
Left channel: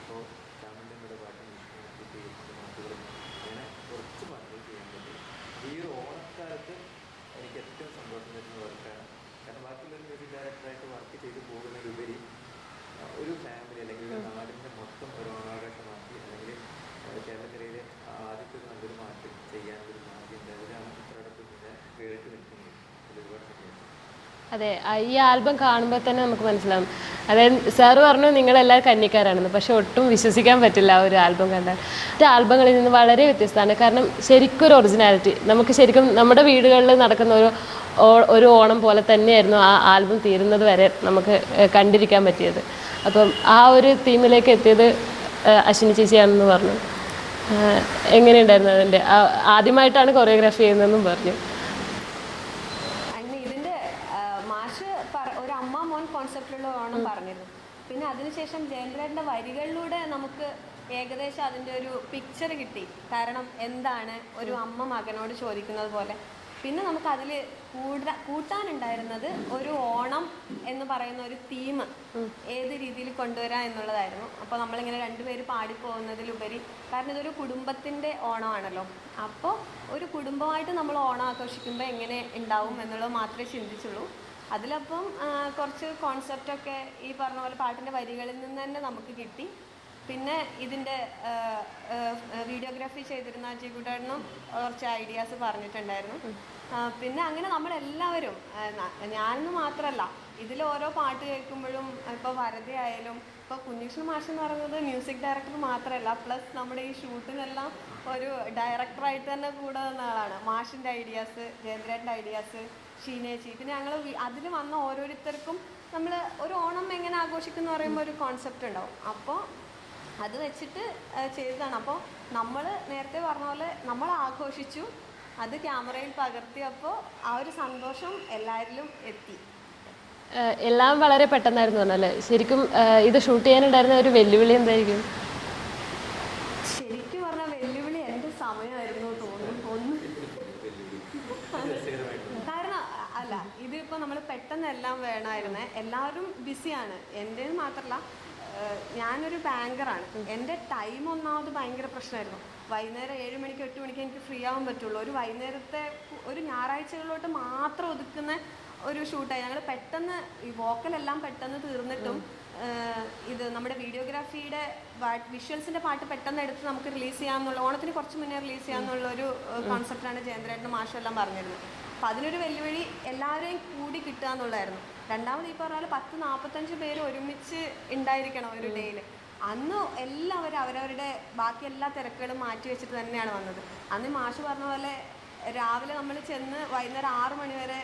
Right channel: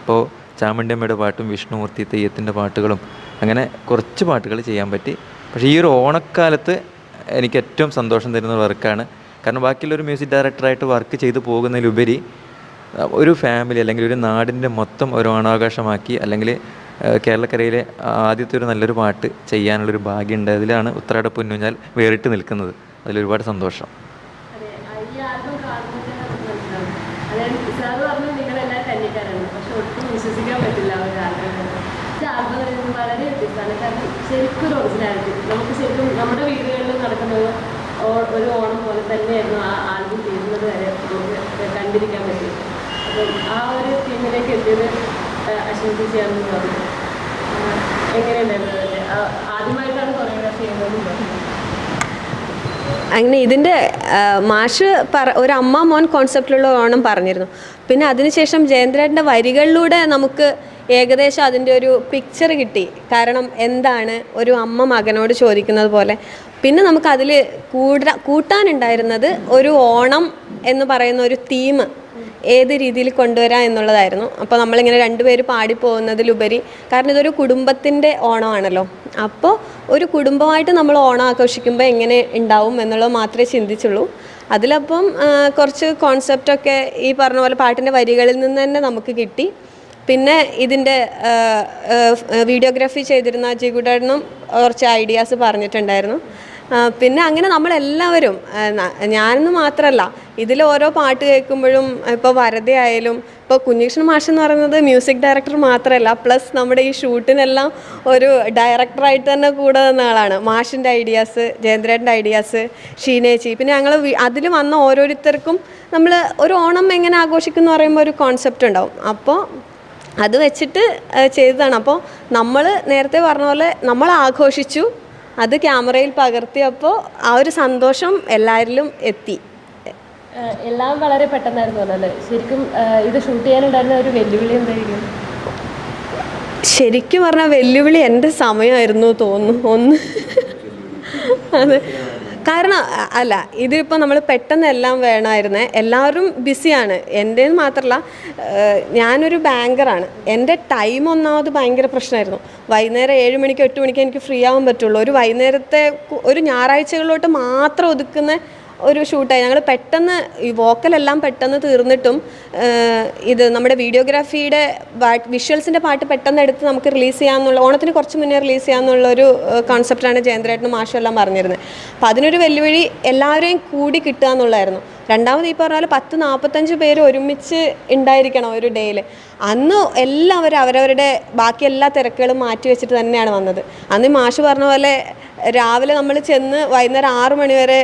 [SPEAKER 4] അപ്പോൾ ചാമുണ്ടിയമ്മയുടെ പാട്ടും വിഷ്ണുമൂർത്തി തെയ്യത്തിന്റെ പാട്ടുകളും അങ്ങനെ കുറച്ച് പാട്ടുകൾ ചെയ്യാൻ പറ്റി. പക്ഷേ ഈ ഒരു ഓണക്കാലത്ത് എനിക്ക് ഏറ്റവും സന്തോഷം തരുന്ന വർക്കാണ് കാരണം ബാക്കിയുള്ള ഒരു മ്യൂസിക് ഡയറക്ടറായിട്ട് വർക്ക് ചെയ്തു പോകുന്നതിലുപരി ഒരു ഫാമിലി അല്ലെങ്കിൽ ഒരു നാടിന്റെ മൊത്തം ഒരു ഓണാഘോഷമാക്കി അല്ലെങ്കിൽ കേരളക്കരയിലെ ആദ്യത്തെ ഒരു നല്ലൊരു പാട്ട് ചെയ്യാനുള്ളൊരു ഭാഗ്യം ഉണ്ടായതിലാണ് ഉത്രാട പൊന്നുഞ്ഞാൽ വേറിട്ട് നിൽക്കുന്നത്. അതിലൊരുപാട് സന്തോഷം.
[SPEAKER 1] അതെ ഈ ആൽബം കാണുമ്പോൾ തന്നെ നമുക്ക് മനസ്സിലാവും. അതായത് സാറ് പറഞ്ഞു നിങ്ങളെല്ലാവരും കന്നിക്കാരാണെന്ന് പക്ഷെ ഒട്ടും വിശ്വസിക്കാൻ പറ്റില്ല ഒരു ആൽബം കണ്ടാൽ മറ്റേ ആൽബങ്ങളിൽ നിന്ന് വളരെ വ്യത്യസ്തമാണ്. കാരണം ശരിക്കും ഒരു ഒറിജിനാലിറ്റി നമുക്ക് ശരിക്കും നമ്മുടെ വീടുകളിൽ നടക്കുന്ന ഒരു ഒരു ഓണം പോലെ തന്നെയായിരുന്നു ആ ആൽബം തീരുന്നത് വരെ നമുക്ക് കണ്ടിരിക്കാൻ പറ്റിയത്. അപ്പം ആ ഒരു തീമിലേക്ക് എത്തിയത് അശ്വിനി ചേച്ചിയാണെന്ന് പറഞ്ഞു. എങ്ങനെയുണ്ടായിരുന്നു അതിന്റെ? ആദ്യമായിട്ടാണ് കൊറിയോഗ്രാഫി ചെയ്യുന്നതെന്നും പറഞ്ഞു.
[SPEAKER 2] അങ്ങനെ ഇതിന്റെ മാഷ് പറ ഒരു അമ്മ മോൻ കോൺസെപ്റ്റിലുള്ള ഓണം പറഞ്ഞിരുന്നു. പിന്നെ അതിനുശേഷം ജയേന്ദ്രേട്ടന്റെ വരികളിലൂടെ നമുക്ക് ഏകദേശം അതിന്റെ ഒരു പിക്ചർ കിട്ടി. കാരണം എന്താണ് ഒരു അമ്മ മകനോട് ചോദിക്കുന്നത് പോലെ പിന്നെ നമുക്ക് അതിൽ കൂട കൂട്ടാനുണ്ടായിരുന്നത് ഒരു ഓണം എന്ന് പറയുന്ന ഒരു തീം ഏത് രീതിയിൽ കൊണ്ടുവരാം എന്നുള്ളതായിരുന്നു. അപ്പോൾ നമ്മളിങ്ങനെ രണ്ടുപേര് പാടിപ്പോകുന്നതിലുപരി കാരണം ഇതൊരു കുടുംബത്തിന്റെ ഓണമാണല്ലോ. അപ്പോൾ ഒരു കുടുംബമായിട്ട് നമ്മൾ ഓണം ആഘോഷിക്കുമ്പോൾ എങ്ങനെ ഉണ്ടാവും എന്നുള്ളത് മാത്രമേ ചിന്തിച്ചുള്ളൂ. അതിലപ്പം കുറച്ച് കോൺസെപ്റ്റൊക്കെ ഈ പറഞ്ഞ പോലെ പാട്ടിന്റെ വരികളിൽ നിന്ന് തന്നെ നമുക്ക് കിട്ടി. പിന്നെ ഇതിന്റെ വീഡിയോഗ്രാഫി ചെയ്തിരുന്ന ജിഗുഡേട്ടനും കുറച്ച് ഐഡിയാസ് പറഞ്ഞിട്ടുണ്ടായിരുന്നു. പിന്നെ അങ്ങനെ നമ്മളെല്ലാവരും ഞാനെന്ന് മാത്രമല്ല ഇതിൽ ഓരോ പാട്ട് കേൾക്കുമ്പോഴും ഇപ്പോൾ വരതയായാലും ഇപ്പോൾ കുഞ്ഞീഷ്ണൻ മാഷ് എന്ന് പറയുന്നത് മ്യൂസിക് ഡയറക്ടർ മാത്രമല്ല പ്ലസ് നമ്മുടെ ഈ ഷൂട്ടിനെല്ലാം ഒരു ഡയറക്ടറായിട്ട് തന്നെ കൂടെ നിന്ന ആളാണ്. മാഷിന്റെ ഐഡിയാസ് ജയേന്ദ്രേട്ടന്റെ ഐഡിയാസ് ഷീനേച്ചി. പിന്നെ ഞങ്ങൾ അതിൽ വന്ന ഓരോരുത്തർക്കും നമ്മൾ ഒരു ഓണം എങ്ങനെ ആഘോഷിക്കും എന്ന് പറയുമ്പോൾ ഒരു കോൺസെപ്റ്റ് ഉണ്ടാവും. അപ്പോൾ അത് വെച്ചിട്ട് ചെയ്തതാണ്. അപ്പോൾ നമ്മൾ നേരത്തെ പറഞ്ഞ പോലെ നമ്മൾ ആഘോഷിച്ചു അത് ക്യാമറയിൽ പകർത്തിയപ്പോൾ ആ ഒരു സന്തോഷം എല്ലാവരിലും എത്തി.
[SPEAKER 1] എല്ലാം വളരെ പെട്ടെന്നായിരുന്നു അല്ലേ? ശരിക്കും ഇത് ഷൂട്ട് ചെയ്യാനുണ്ടായിരുന്ന ഒരു വെല്ലുവിളി എന്തായിരിക്കും?
[SPEAKER 2] ശരിക്കും പറഞ്ഞാൽ വെല്ലുവിളി എന്റെ സമയമായിരുന്നു തോന്നുന്നു ഒന്ന്. അതെ. കാരണം അല്ല ഇതിപ്പോൾ നമ്മൾ പെട്ടെന്ന് എല്ലാം വേണമായിരുന്നേ എല്ലാവരും ബിസിയാണ് എന്റെ മാത്രമല്ല ഞാനൊരു ബാങ്കറാണ്. എന്റെ ടൈം ഒന്നാമത് ഭയങ്കര പ്രശ്നമായിരുന്നു വൈകുന്നേരം ഏഴ് മണിക്ക് എട്ട് മണിക്ക് എനിക്ക് ഫ്രീ ആവാൻ പറ്റുള്ളൂ. ഒരു വൈകുന്നേരത്തെ ഒരു ഞായറാഴ്ചകളിലോട്ട് മാത്രം ഒതുക്കുന്ന ഒരു ഷൂട്ടായി. ഞങ്ങൾ പെട്ടെന്ന് ഈ വോക്കലെല്ലാം പെട്ടെന്ന് തീർന്നിട്ടും ഇത് നമ്മുടെ വീഡിയോഗ്രാഫിയുടെ വിഷ്വൽസിന്റെ പാട്ട് പെട്ടെന്ന് എടുത്ത് നമുക്ക് റിലീസ് ചെയ്യാമെന്നുള്ള ഓണത്തിന് കുറച്ച് മുന്നേ റിലീസ് ചെയ്യാമെന്നുള്ള ഒരു കോൺസെപ്റ്റാണ് ജയന്ദ്രേട്ടനും മാഷും എല്ലാം പറഞ്ഞിരുന്നത് അപ്പോൾ അതിനൊരു വെല്ലുവിളി എല്ലാവരെയും കൂടി കിട്ടുക എന്നുള്ളതായിരുന്നു രണ്ടാമത് ഈ പറഞ്ഞാൽ പത്ത് നാൽപ്പത്തഞ്ച് പേര് ഒരുമിച്ച് ഉണ്ടായിരിക്കണം ഒരു ഡേയിൽ അന്ന് എല്ലാവരും അവരവരുടെ ബാക്കി എല്ലാ തിരക്കുകളും മാറ്റി വെച്ചിട്ട് തന്നെയാണ് വന്നത്. അന്ന് മാഷ് പറഞ്ഞ പോലെ രാവിലെ നമ്മൾ ചെന്ന് വൈകുന്നേരം ആറ് മണിവരെ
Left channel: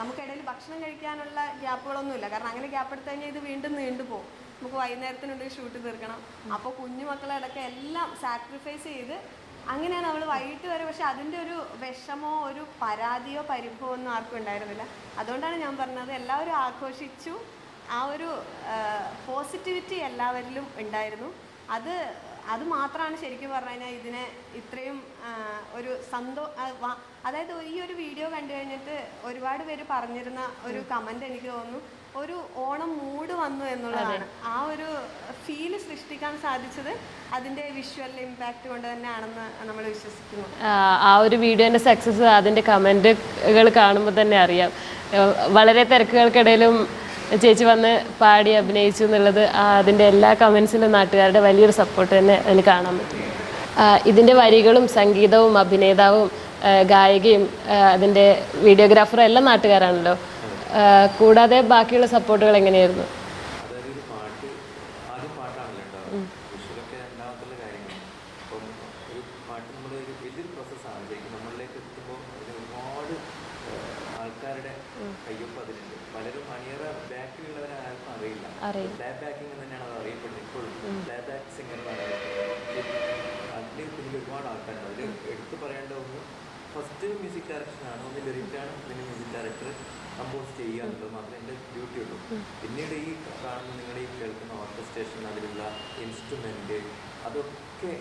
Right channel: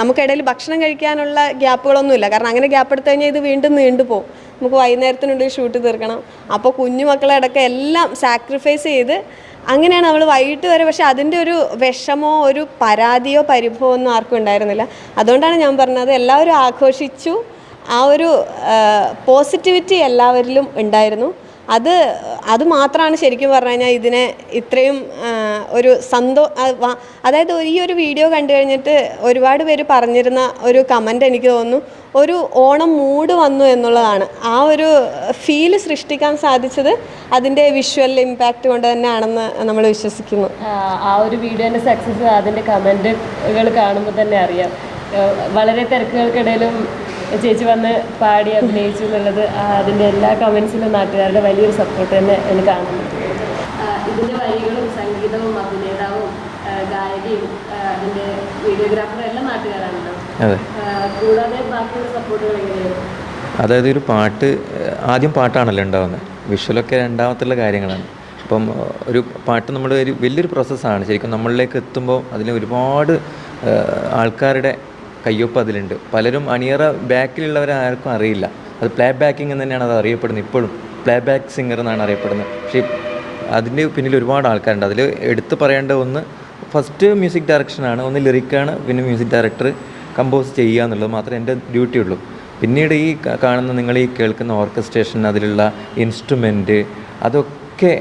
[SPEAKER 2] നമുക്കിടയിൽ ഭക്ഷണം കഴിക്കാനുള്ള ഗ്യാപ്പുകളൊന്നുമില്ല. കാരണം അങ്ങനെ ഗ്യാപ്പ് എടുത്തു കഴിഞ്ഞാൽ ഇത് വീണ്ടും നീണ്ടുപോകും നമുക്ക് വൈകുന്നേരത്തിനുള്ളിൽ ഷൂട്ട് തീർക്കണം. അപ്പോൾ കുഞ്ഞു മക്കളെ അടക്കം എല്ലാം സാക്രിഫൈസ് ചെയ്ത് അങ്ങനെയാണ് നമ്മൾ വൈകിട്ട് വരെ. പക്ഷെ അതിന്റെ ഒരു വിഷമോ ഒരു പരാതിയോ പരിഭവമോ ഒന്നും ആർക്കും ഉണ്ടായിരുന്നില്ല. അതുകൊണ്ടാണ് ഞാൻ പറഞ്ഞത് എല്ലാവരും ആഘോഷിച്ചു. ആ ഒരു പോസിറ്റിവിറ്റി എല്ലാവരിലും ഉണ്ടായിരുന്നു. അത് അത് മാത്രമാണ് ശരിക്കും പറഞ്ഞു കഴിഞ്ഞാൽ ഇതിനെ ഇത്രയും ഒരു സന്തോ അതായത് ഈ ഒരു വീഡിയോ കണ്ടു കഴിഞ്ഞിട്ട് ഒരുപാട് പേര് പറഞ്ഞിരുന്ന ഒരു കമന്റ് എനിക്ക് തോന്നുന്നു ഒരു ഓണം മൂഡ് വന്നു എന്നുള്ളതാണ്. ആ ഒരു ഫീൽ സൃഷ്ടിക്കാൻ സാധിച്ചത് അതിന്റെ വിഷ്വൽ ഇമ്പാക്റ്റ് കൊണ്ട് തന്നെയാണെന്ന് നമ്മൾ വിശ്വസിക്കുന്നു.
[SPEAKER 1] ആ ഒരു വീഡിയോന്റെ സക്സസ് അതിന്റെ കമന്റുകൾ കാണുമ്പോൾ തന്നെ അറിയാം. വളരെ തിരക്കുകൾക്കിടയിലും ചേച്ചി വന്ന് പാടി അഭിനയിച്ചു എന്നുള്ളത് അതിന്റെ അതിന്റെ എല്ലാ കമൻസിലും നാട്ടുകാരുടെ വലിയൊരു സപ്പോർട്ട് തന്നെ അതിന് കാണാൻ ഇതിന്റെ ഇതിന്റെ വരികളും സംഗീതവും അഭിനേതാവും ഗായികയും അതിന്റെ വീഡിയോഗ്രാഫറും എല്ലാം നാട്ടുകാരാണല്ലോ. കൂടാതെ ബാക്കിയുള്ള സപ്പോർട്ടുകൾ എങ്ങനെയായിരുന്നു?
[SPEAKER 4] അതായത് ഒരു പാട്ട് ആദ്യം പാട്ടാണല്ലോ ഉണ്ടാവുന്നത്. വിഷ്വലൊക്കെ രണ്ടാമത്തുള്ള കാര്യങ്ങളാണ്. അപ്പം ഒരു പാട്ട് നമ്മുടെ ഒരു വലിയൊരു പ്രോസസ്സാണ് ശരിക്കും നമ്മളിലേക്ക് എത്തുമ്പോൾ അതിന് ഒരുപാട് ആൾക്കാരുടെ കയ്യൊപ്പ് അതിലുണ്ട്. പലരും അണിയറ ബാക്കിലുള്ളവരെ ആർക്കും അറിയില്ല. അത് പ്ലേ ബാക്കിംഗ് എന്ന് തന്നെയാണ് അത് അറിയപ്പെടുന്നത് ഇപ്പോഴും. പ്ലേ ബാക്ക് സിംഗർ എന്നാണ് അറിയപ്പെടുന്നത്. പക്ഷേ അതിന്റെ പിന്നിൽ ഒരുപാട് ആൾക്കാരുണ്ട്. അതിൽ എടുത്തു പറയേണ്ട ഒന്ന് ഫസ്റ്റ് മ്യൂസിക് ഡയറക്ഷനാണ് ഒന്ന് ലിറിക്കാണ് പിന്നെ മ്യൂസിക് ഡയറക്ടർ കമ്പോസ് ചെയ്യുക എന്നുള്ളത് മാത്രമേ എന്റെ ഡ്യൂട്ടി ഉള്ളൂ. പിന്നീട് ഈ കാണുന്ന നിങ്ങൾ ഈ കേൾക്കുന്ന ഓർക്കസ്ട്രേഷൻ അതിലുള്ള ഇൻസ്ട്രുമെന്റ് അതൊക്കെ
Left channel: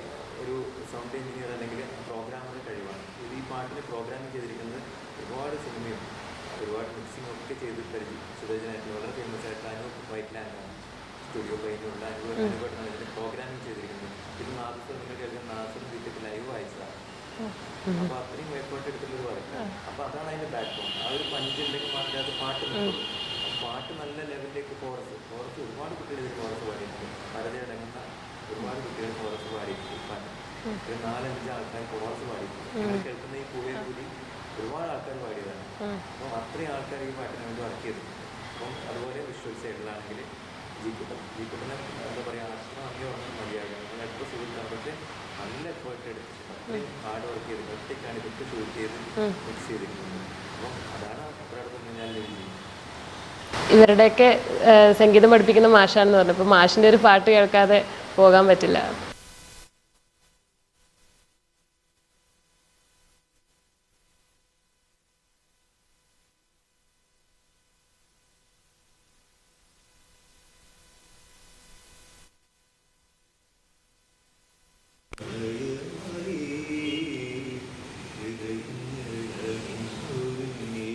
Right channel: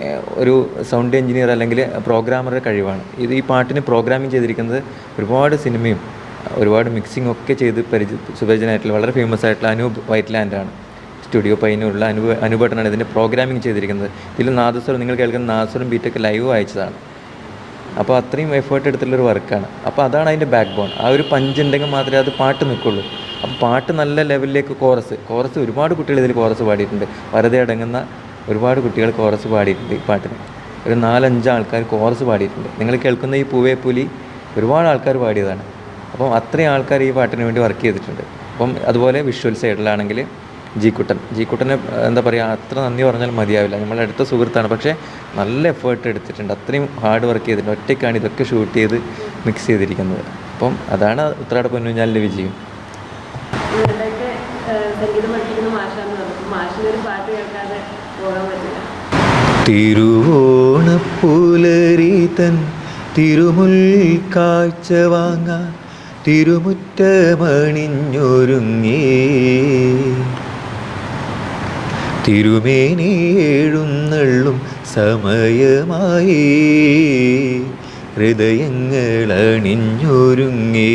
[SPEAKER 4] ഒരു സൗണ്ട് എഞ്ചിനീയർ അല്ലെങ്കിൽ പ്രോഗ്രാമറുടെ കഴിവാണ്. ഇത് ഈ പാട്ടിന് പ്രോഗ്രാമിംഗ് ചെയ്തിരിക്കുന്നത് ഒരുപാട് സിനിമയും ഒരുപാട് മിക്സിംഗ് ഒക്കെ ചെയ്ത് പരിചയ സുപരിചിതനായിട്ടുള്ള വളരെ ഫേമസ് ആയിട്ടുള്ള അനൂപ് വൈറ്റ് ലാൻഡാണ് സ്റ്റുഡിയോ പൈനുള്ള അനുഭവ അനുഭവട്ടനാണ് ഇതിന്റെ പ്രോഗ്രാമിംഗ് ചെയ്തിരിക്കുന്നത്. ഇതിൽ നാദസ്വരം നിങ്ങൾ കേൾക്കുന്ന നാദസ്വരം ബീറ്റൊക്കെ ലൈവ് അയച്ചതാണ് അപ്പോൾ അത്രയും എഫേർട്ട് എടുത്തുള്ളൊരു വർക്കാണ് അപ്പോൾ അതാണ് അതിന്റെ ബാക്ക് ബോൺ ആ ഒരു പഞ്ച് ഉണ്ടെങ്കിൽ മാത്രമേ അത് പാട്ട് നിൽക്കുള്ളൂ. അപ്പോൾ പാട്ട് നല്ല ലെവലിലേക്ക് കോറസ് കോറസ് ഒരുപാട് കുട്ടികൾ ഇതിൽ കോറസ് പാടിയിട്ടുണ്ട്. വെറുതെ അടങ്ങുന്ന ഒരുപാട് കുട്ടികൾ കോറസ് പാടിയിട്ടുണ്ട് ഈ പാട്ടിന്. ഒരു നാലഞ്ച് ആൾക്കാർ കോറസ് പാടിയിട്ടുണ്ട്. നിങ്ങൾ കേൾക്കുന്ന ഈ പൂവേ പുലി ഒരുപാട് ആൾക്കാർ പാടിയതാണ്. അപ്പം അത്രയും ആൾക്കാർ ഈ പാട്ടിന് വേണ്ടി വർക്ക് ചെയ്തിട്ടുണ്ട്. അപ്പം അതുപോലെ വിഷ്വൽ സൈഡിലാണെങ്കിൽ ജി കുട്ടൻ ജി കുട്ടനെ എന്താ പറയുക അത്ര നന്ദി പറഞ്ഞാൽ മതിയാവില്ല. നമ്മളെ അടുത്ത സുഹൃത്താണ്. പക്ഷേ നല്ല എഫേർട്ട് എടുത്തിട്ടുണ്ട്. അത്രയും ഹാർഡ് വർക്ക് ചെയ്തിട്ടുണ്ട്. ഒറ്റയ്ക്കാണ് ഇതൊക്കെ ഷൂട്ട് ചെയ്ത് മിക്സ് ചെയ്തിരിക്കുന്നത്. അപ്പം അതാണ് ഉത്രാട പൊന്നുഞ്ഞാലിന്റെ വിജയം.
[SPEAKER 1] ഇവരുടെയൊക്കെ സംഗീതം പഠിപ്പിക്കുന്ന മാഷാന്ന് പറഞ്ഞപ്പോൾ മാഷിന്റെ ഒരു പാട്ട് കേൾക്കാതെ പോകാൻ പറ്റില്ല.
[SPEAKER 4] തിരുവോണപ്പുലരി തൻ തിരുമുൽ കാഴ്ച വാങ്ങാൻ തിരുമുറ്റമണിഞ്ഞൊരുങ്ങി തിരുമേനി എഴുന്നള്ളും സമയമായി. ഹൃദയങ്ങൾ അണിഞ്ഞൊരുങ്ങി.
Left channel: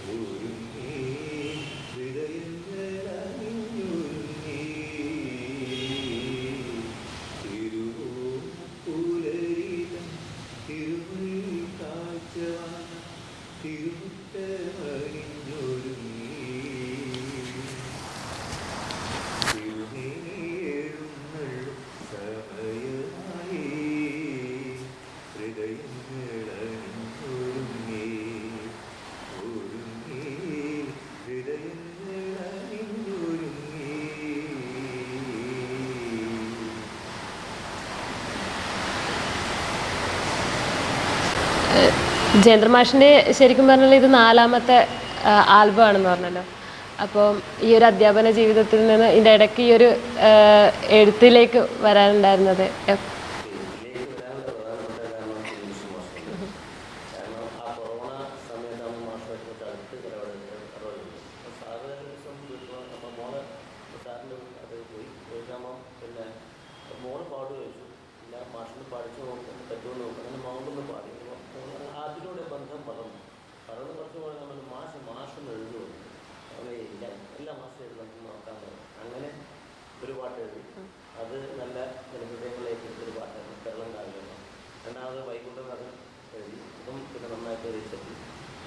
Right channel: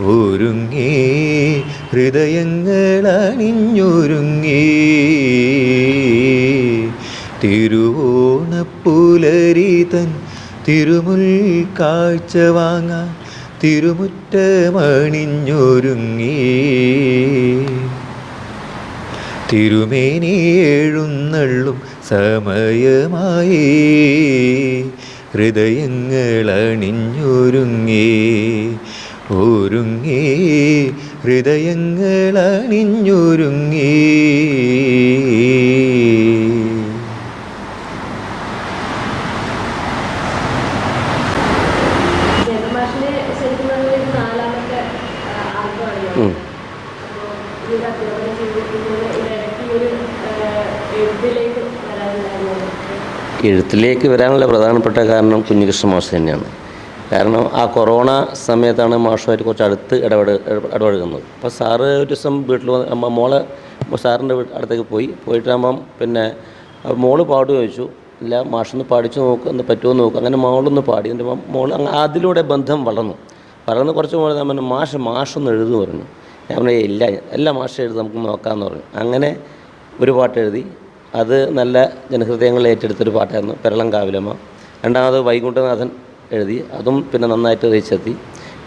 [SPEAKER 4] ഒരുങ്ങി. ഹൃദയങ്ങൾ അണിഞ്ഞൊരുങ്ങി. തിരുവോണപ്പുലരി തൻ തിരുമുൽ കാഴ്ച വാങ്ങാൻ തിരുമുറ്റമണിഞ്ഞൊരുങ്ങി തിരുമേനി എഴുന്നള്ളും സമയമായി. ഹൃദയങ്ങൾ അണിഞ്ഞൊരുങ്ങി ഒരുങ്ങി ഹൃദയങ്ങൾ
[SPEAKER 1] മാഷിന്റെ ശരിക്കും പറഞ്ഞാൽ ഇത് നാലാമത്തെ ആൽബം ആണെന്ന് പറഞ്ഞത്. അപ്പോൾ ഈ ഒരു അധ്യാപന ജീവിതത്തിൽ നിന്ന് ഇതിന്റെ ഇടയ്ക്ക് ഈ ഒരു എഴുത്തിലേക്ക് വരാനുണ്ടായിരുന്നത്
[SPEAKER 5] എഴുത്തിലേക്ക് വരാനുള്ള പ്രധാനപ്പെട്ട കാരണം കുഞ്ഞികൃഷ്ണ മാഷ് തന്നെയാണ്. കാരണം ആ കൊറോണ സമയത്താണ് മാഷുമായിട്ട് കുറച്ച് അടുത്ത് ഇടപെട ഇടപഴകുന്നത്. അപ്പോൾ സാറ് ഒരു ദിവസം വീട്ടിൽ വന്ന് മോളെ സാറിന്റെ അടുത്തേക്ക് പോയി. പോയിട്ടാകുമ്പം പിന്നെ മോൾ പാട്ട് ചോദിച്ചു. ഇല്ല മാഷൊന്ന് പാടിച്ചു നോക്ക് എന്ന് പറ്റുമോ നോക്ക്. അങ്ങനെ മോളൊന്ന് പാടി. എന്റെ മോൾ അതിലൂടെ ബന്ധം വളർന്നു. വളർന്ന് കുറച്ച് ഞാൻ പറഞ്ഞു മാഷ് മാഷൊന്ന് എഴുതു പറഞ്ഞു. ഞാൻ പറഞ്ഞു ഇല്ല എല്ലാ മാഷ എഴുതി നമുക്ക് നോക്കാമെന്ന് പറഞ്ഞു. അങ്ങനെ ഒരു പാട്ട് എഴുതി. അത് നല്ല ജനഹൃദയങ്ങൾ ഏറ്റെടുത്തൊരു പാട്ടായിരുന്നു പെരളം കാവിലമ്മ രണ്ടാമത് വൈകുണ്ഠനാഥൻ എഴുതി. അതും പിന്നെ നന്നായിട്ട് റീച്ചെത്തി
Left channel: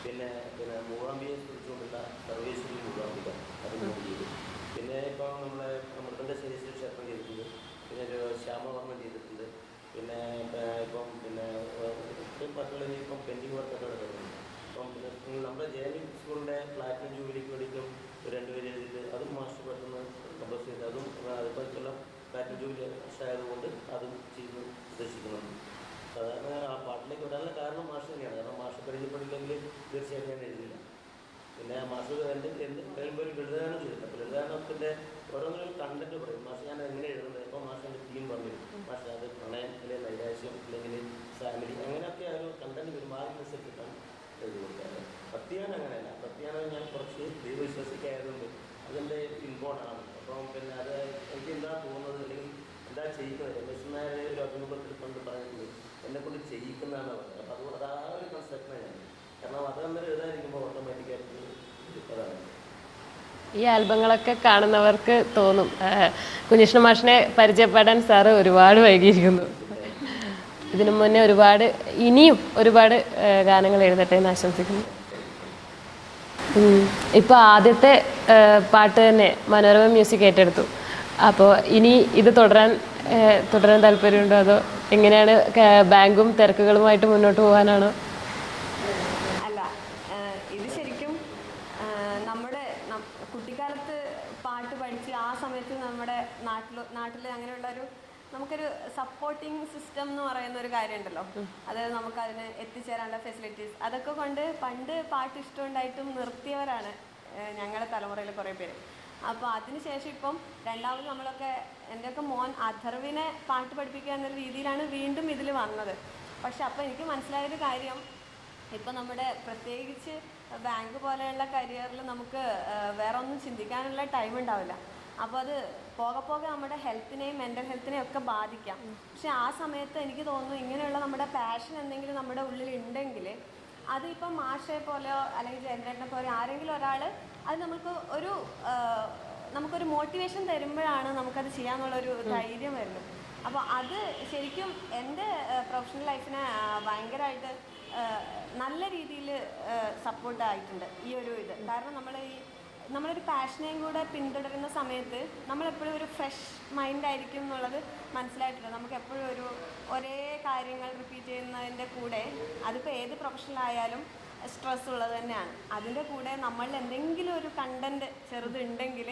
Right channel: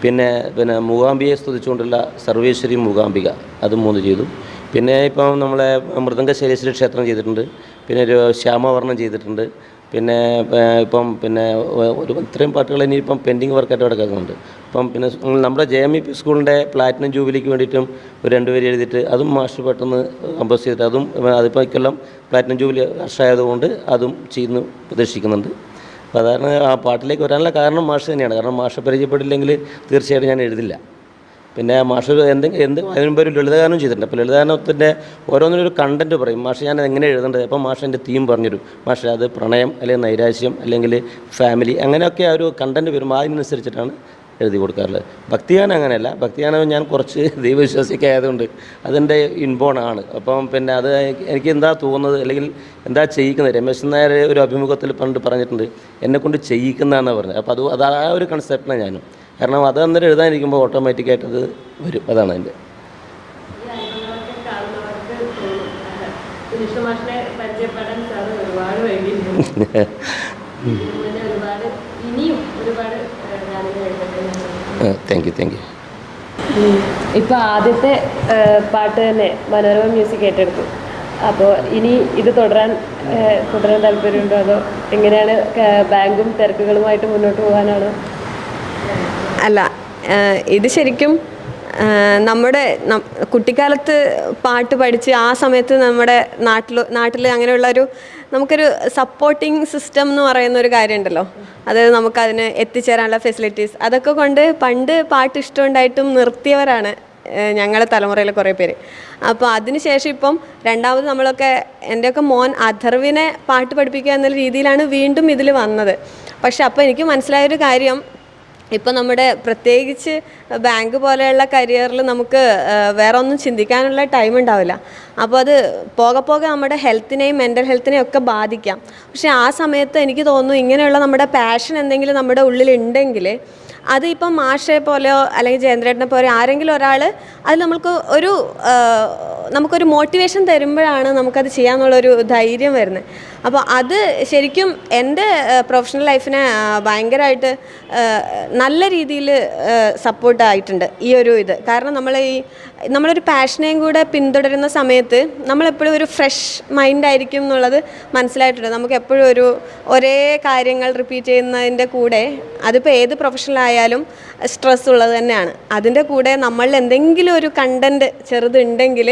[SPEAKER 5] പിന്നെ പിന്നെ മൂകാംബിയെ സ്തുതിച്ചുകൊണ്ടുള്ള സർവേശ്വരി മൂകാംബിക അതും മൂന്ന് ചെയ്തു. പിന്നെ ഇപ്പം നമ്മളെ മൃദംഗ ശൈലേശ്വരി ക്ഷേത്രം ചെയ്തിട്ടുണ്ട്. പിന്നെ ഒരു ശ്യാമവർണം ചെയ്തിട്ടുണ്ട്. പിന്നെ ഇപ്പം പിന്നെ ഒരു ഇത്രയും പാട്ടുകൾ ഇനിയിപ്പം പെൻഡിങ് വർക്കായിട്ട് കിടക്കുന്നുണ്ട് അപ്പം പിന്നെ നമ്മുടെ ജെ എം ഇ പി സ്കൂളിന്റെ പ്ലാറ്റിനം ജൂബിലിക്ക് വേണ്ടിയിട്ടും ഒരു രണ്ടുപേര് എഴുതിയിട്ട് അതും മാസ്റ്റർ പെട്ടെന്ന് കമ്പോസ് ചെയ്തിട്ട് അതും അതിപ്പോൾ ഇക്കൊല്ലം പ്ലാറ്റിനം ജൂബിലി വർഷമായതുകൊണ്ട് അതും ചെയ്യുന്നു പ്രതീക്ഷിക്കുന്നുണ്ട്. അതാണ് ആ പാട്ടിലേക്ക് വരാനുള്ള കാരണം മാഷ് തന്നെയാണ്. കാരണം മാഷ് പരിചയപ്പെട്ടില്ലെങ്കിൽ തീർച്ചയായിട്ടും ഞാൻ എഴുതില്ല. പിന്നെ മാഷ് എന്തെങ്കിലും എന്ത് അതിന് മുമ്പ് ഒരു ലളിതഗാനം ചെയ്തിട്ടുണ്ട്. അപ്പോൾ ലളിതഗാനത്തിന്റെ ഓരോന്നിനും ഒരു കണ്ടന്റ് പറയും. മാഷ് ഞാൻ എങ്ങനെ എഴുതേണ്ടത്? അപ്പോൾ മാഷ് എന്റെ തീം പറഞ്ഞുതരും. മാഷ് അത് പ്രണയം അല്ലെങ്കിൽ നൈരാശ്യം അല്ലെങ്കിൽ ഫാമിലി അങ്ങനെയൊക്കെ ആ ഒരു കണ്ടന്റ് വരുമ്പോൾ അതിനനുസരിച്ചിട്ടാണ് എഴുതി കൊടുക്കാറുള്ളത്. ഭക്തിഗാനം അങ്ങനെയല്ല. ഭക്തിഗാനം ഞാൻ കുറച്ച് ദൈവവിശ്വാസിയൊക്കെ ആയതുകൊണ്ട് അതെന്റെ ഇൻബോൺ ആണ്. അപ്പം പിന്നെ അത് എനിക്ക് എന്താ തോന്നുന്നത് അല്ലെങ്കിൽ എന്താ ചെയ്യിക്കുന്നത്? രമേശൻ നായർ ഒരു അഭിമുഖത്തിൽ പണ്ട് പറഞ്ഞിട്ടുണ്ട് എന്നെക്കൊണ്ട് ചെയ്യിക്കുന്നതാണെന്ന് പറഞ്ഞത്. അപ്പോൾ അത് അത് ആ ഒരു കൺസെപ്റ്റിനാണ് ഞാനും കാരണം അത് അന്നേരം എഴുതാനിരിക്കുമ്പോൾ ഓട്ടോമാറ്റിക്കായിട്ട് അത് വരും. അതാണ് അതിന്റെ.
[SPEAKER 1] ഈ ആൽബങ്ങളൊക്കെ കാണുന്നവർക്ക് തോന്നും. കുഞ്ഞിഷ്ണ മാഷിനെ പരിചയപ്പെടാൻ സാറ് ഒരുപാട് വൈകിയിരിക്കുന്നു. ഇതിനു മുന്നേ ഒരുപാട് ഇനിയും ഒരുപാട് ഗാനങ്ങൾ എഴുതട്ടെ എന്ന് ആശംസിക്കുന്നു.
[SPEAKER 5] താങ്ക് യു താങ്ക് യു
[SPEAKER 1] ഇപ്പൊ ആദ്യത്തെ പാട്ട് തന്നെ മനോരമ മ്യൂസിക് ഏറ്റെടുത്തു. അപ്പോൾ ഇനി ഇത് തുടരാൻ തുടരാൻ താല്പര്യമുണ്ടോ അതോ എങ്ങനെയാണ് ബാങ്കും തിരക്കുകളുമായിട്ട് മുന്നോട്ട് പോകാനാണോ?
[SPEAKER 2] അല്ല ഇത് ശരിക്കും നമ്മുടെ കുട്ടിക്കാലത്ത് പാട്ട് പഠിച്ച് ആ സമയത്ത് നമ്മുടെ നാട്ടിൽ നാട്ടിൽ അങ്ങനെയുള്ളൊരു നമുക്കൊരു സപ്പോർട്ടിങ് സിസ്റ്റം എന്ന് പറയുന്ന ഒരു കാര്യമുണ്ടല്ലോ. അതായത് നമുക്കതിന് എത്തിച്ചേരാനുള്ള ഫെസിലിറ്റീസ് അതൊക്കെ കൊണ്ട് പണ്ട് പാട്ട് ഇഷ്ടമുണ്ടായിട്ടും നിർത്തിയവരാണ് ഞങ്ങളുടെ തലമുറയിൽ കുറേ പേര്. അപ്പോൾ അതിനുശേഷം ഇപ്പം രണ്ടാമത് നമ്മളൊക്കെ എന്റെയൊക്കെ മോൻ അഥർവിനെ പാട്ട് പഠിപ്പിക്കുക എന്നുള്ള രീതിയിലാണ് വീണ്ടും ഇതിൽ വന്നത്. പക്ഷെ അപ്പോൾ എനിക്ക് മനസ്സിലായൊരു കാര്യം ഇപ്പം നമ്മുടെ പ്രത്യേകിച്ച് ബാങ്ക് പോലെയുള്ള കരിയറിൽ നമുക്ക് വേറെ ഒന്നും ചിന്തിക്കാനുള്ള ടൈം ഉണ്ടാവില്ല. അപ്പോൾ അത് പോകെ പോകെ നമ്മുടെ ഹെൽത്തിനെയും മെന്റൽ ഹെൽത്തിനെയും ഒക്കെ ബാധിക്കാം. പക്ഷേ ആ സമയത്ത് എനിക്ക് തോന്നുന്നു ഇങ്ങനെയുള്ള നമ്മുടെ പാഷൻ എന്തെങ്കിലും നമ്മുടെ ഉള്ളിൽ ഉണ്ടെങ്കിൽ അത് ഇപ്പം മാഷെ പോലെയോ അല്ലെങ്കിൽ ജയന്ദ്രേട്ടനെ പോലെ ആരെങ്കിലും ഒരാൾ അത് നമുക്ക് ഒരു നമുക്കൊരു മോട്ടിവേഷൻ തരുമ്പോഴാണ് നമുക്കത് ചെയ്യാമെന്നുള്ളൊരു ധൈര്യം വരുന്നത്. അപ്പോൾ അത് ശരിക്കും എന്റെ പ്രൊഫഷണൽ ലൈഫിനെ ഭയങ്കരമായിട്ട് നല്ല രീതിയിൽ സപ്പോർട്ടായിട്ടുണ്ട് ഈ ഒരു ഇത്. കാരണം നമ്മൾ ഈ നമ്മളൊരു പാഷനെയും കൂടെ പിന്തുടരുന്ന സമയത്ത് നമ്മളെപ്പോഴും ഒരു ഫ്രഷ് മൈൻഡ് ആയിരിക്കും എന്നുള്ളത് മനസ്സിലായിട്ടുണ്ട്. നമുക്ക് എപ്പോഴും ഒരു ഒരേ കാര്യങ്ങൾ റിപ്പീറ്റ് ചെയ്യുന്നതിന്റെ കൂടെ അതിപ്പോൾ ഏത് പ്രൊഫഷണലായാലും സ്ട്രെസ് ഉള്ളത് തന്നെയാണ്. അതിന്റെ കൂടെ നമ്മൾ എന്തെങ്കിലും ഒരു കണ്ടന്റ് ചെറുതുണ്ടെങ്കിൽ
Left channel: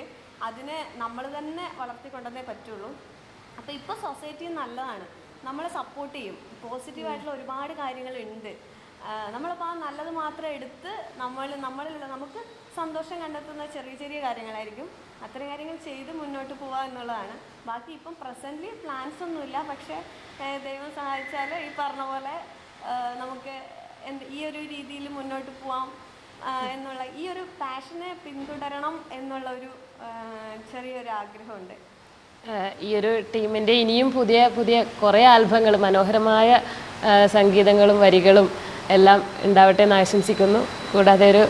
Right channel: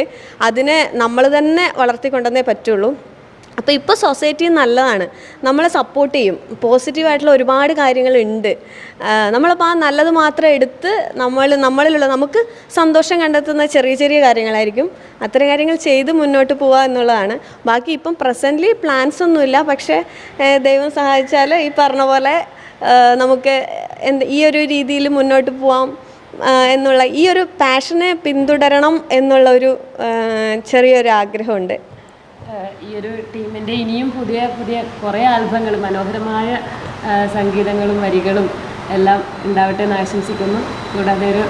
[SPEAKER 2] അതിനെ നമ്മൾ തന്നെ വളർത്തിക്കൊണ്ടെന്നേ പറ്റുള്ളൂ. അപ്പോൾ ഇപ്പോൾ സൊസൈറ്റി നല്ലതാണ്. നമ്മളെ സപ്പോർട്ട് ചെയ്യും. പോസിറ്റീവായിട്ടുള്ള ഒരുപാട് കാര്യങ്ങളുണ്ട് നമ്മളപ്പോൾ ആ നല്ലത് മാത്രം എടുത്ത് നമ്മൾ നമ്മളിലുള്ള നമുക്ക് സന്തോഷം കണ്ടെത്തുന്ന ചെറിയ ചെറിയ കാര്യങ്ങളായിരിക്കും. അത്തരം കാര്യങ്ങൾ ചെയ്ത് മുന്നോട്ട് പോവുക എന്നുള്ളതാണ്. ബാക്കി ഇപ്പം പ്രസന്റ്ലി പ്ലാൻസ് ഒന്നുമില്ല. പക്ഷേ ദൈവം സഹായിച്ചാൽ ഈ പറഞ്ഞ പോലെ നമുക്ക് എന്ത് ഈ ഒരു രീതിയിൽ മുന്നോട്ട് പോവാം എന്നുള്ള ഈ ഒരു പാഷനെ പിന്തുടരണം എന്നുള്ള ഒരു ചെറിയൊരു ആഗ്രഹമുണ്ട്.
[SPEAKER 1] ഈ ഒരു ടീമിന്റെ ഇനിയും പുതിയ പുതിയ കുറേ ആൽബങ്ങൾ മനോഹരമായ സംഗീതങ്ങളും വരികളും എല്ലാം ഉണ്ടാവട്ടെ എന്ന് ആശംസിക്കുന്നു. കൂടാതെ ഒരു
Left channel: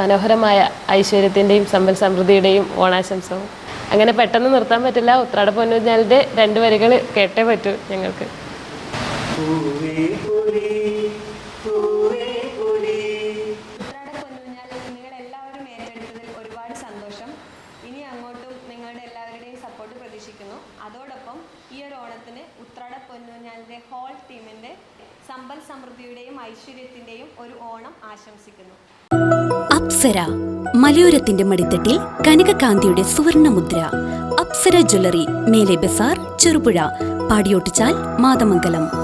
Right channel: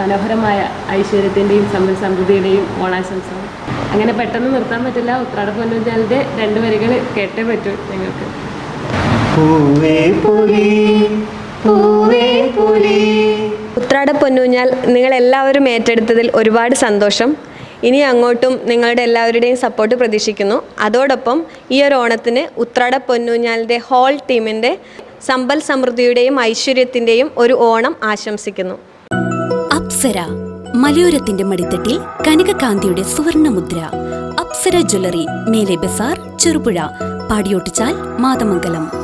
[SPEAKER 1] മനോഹരമായ ഐശ്വര്യത്തിന്റെയും സമ്പൽ സമൃദ്ധിയുടെയും ഓണാശംസകൾ. അങ്ങനെ പെട്ടെന്ന് നിർത്താൻ പറ്റില്ല. ഉത്രാട പൊന്നുജാലിന്റെ രണ്ട് വരികൾ കേട്ടേ പറ്റൂ ഞങ്ങൾക്ക്.
[SPEAKER 6] പൂവേ പുലി പൂവേ പുലി.
[SPEAKER 2] ഉത്രാട പൊന്നൂഞ്ഞാൽ നിങ്ങൾ എല്ലാവരും ഏറ്റെടുത്തതിൽ ഒരുപാട് സന്തോഷം. ഇനി അങ്ങോട്ടും നിങ്ങളുടെ എല്ലാവരുടെയും സപ്പോർട്ട് പ്രതീക്ഷിക്കുന്നു. അതോടൊപ്പം ഈ ഒരു ഓണത്തിന് ഉത്രാട പൊന്നൂഞ്ഞാലിന്റെ ഹോൾ ടീമിന്റെ സമ്പൽ സമൃദ്ധിയുടെയും ഐശ്വര്യത്തിന്റെയും ഒരു ഓണം ആശംസിക്കുന്നു.
[SPEAKER 7] അപ്സര മലയോരത്തിന്റെ മടിത്തട്ടിൽ കനകകാന്തിയുടെ സുവർണമുദ്ര. അപ്സര ജ്വല്ലറി മേലെ ബസാർ ചെറുപുഴ പാടിയോട്ടിച്ചാൽ മാതമംഗലം.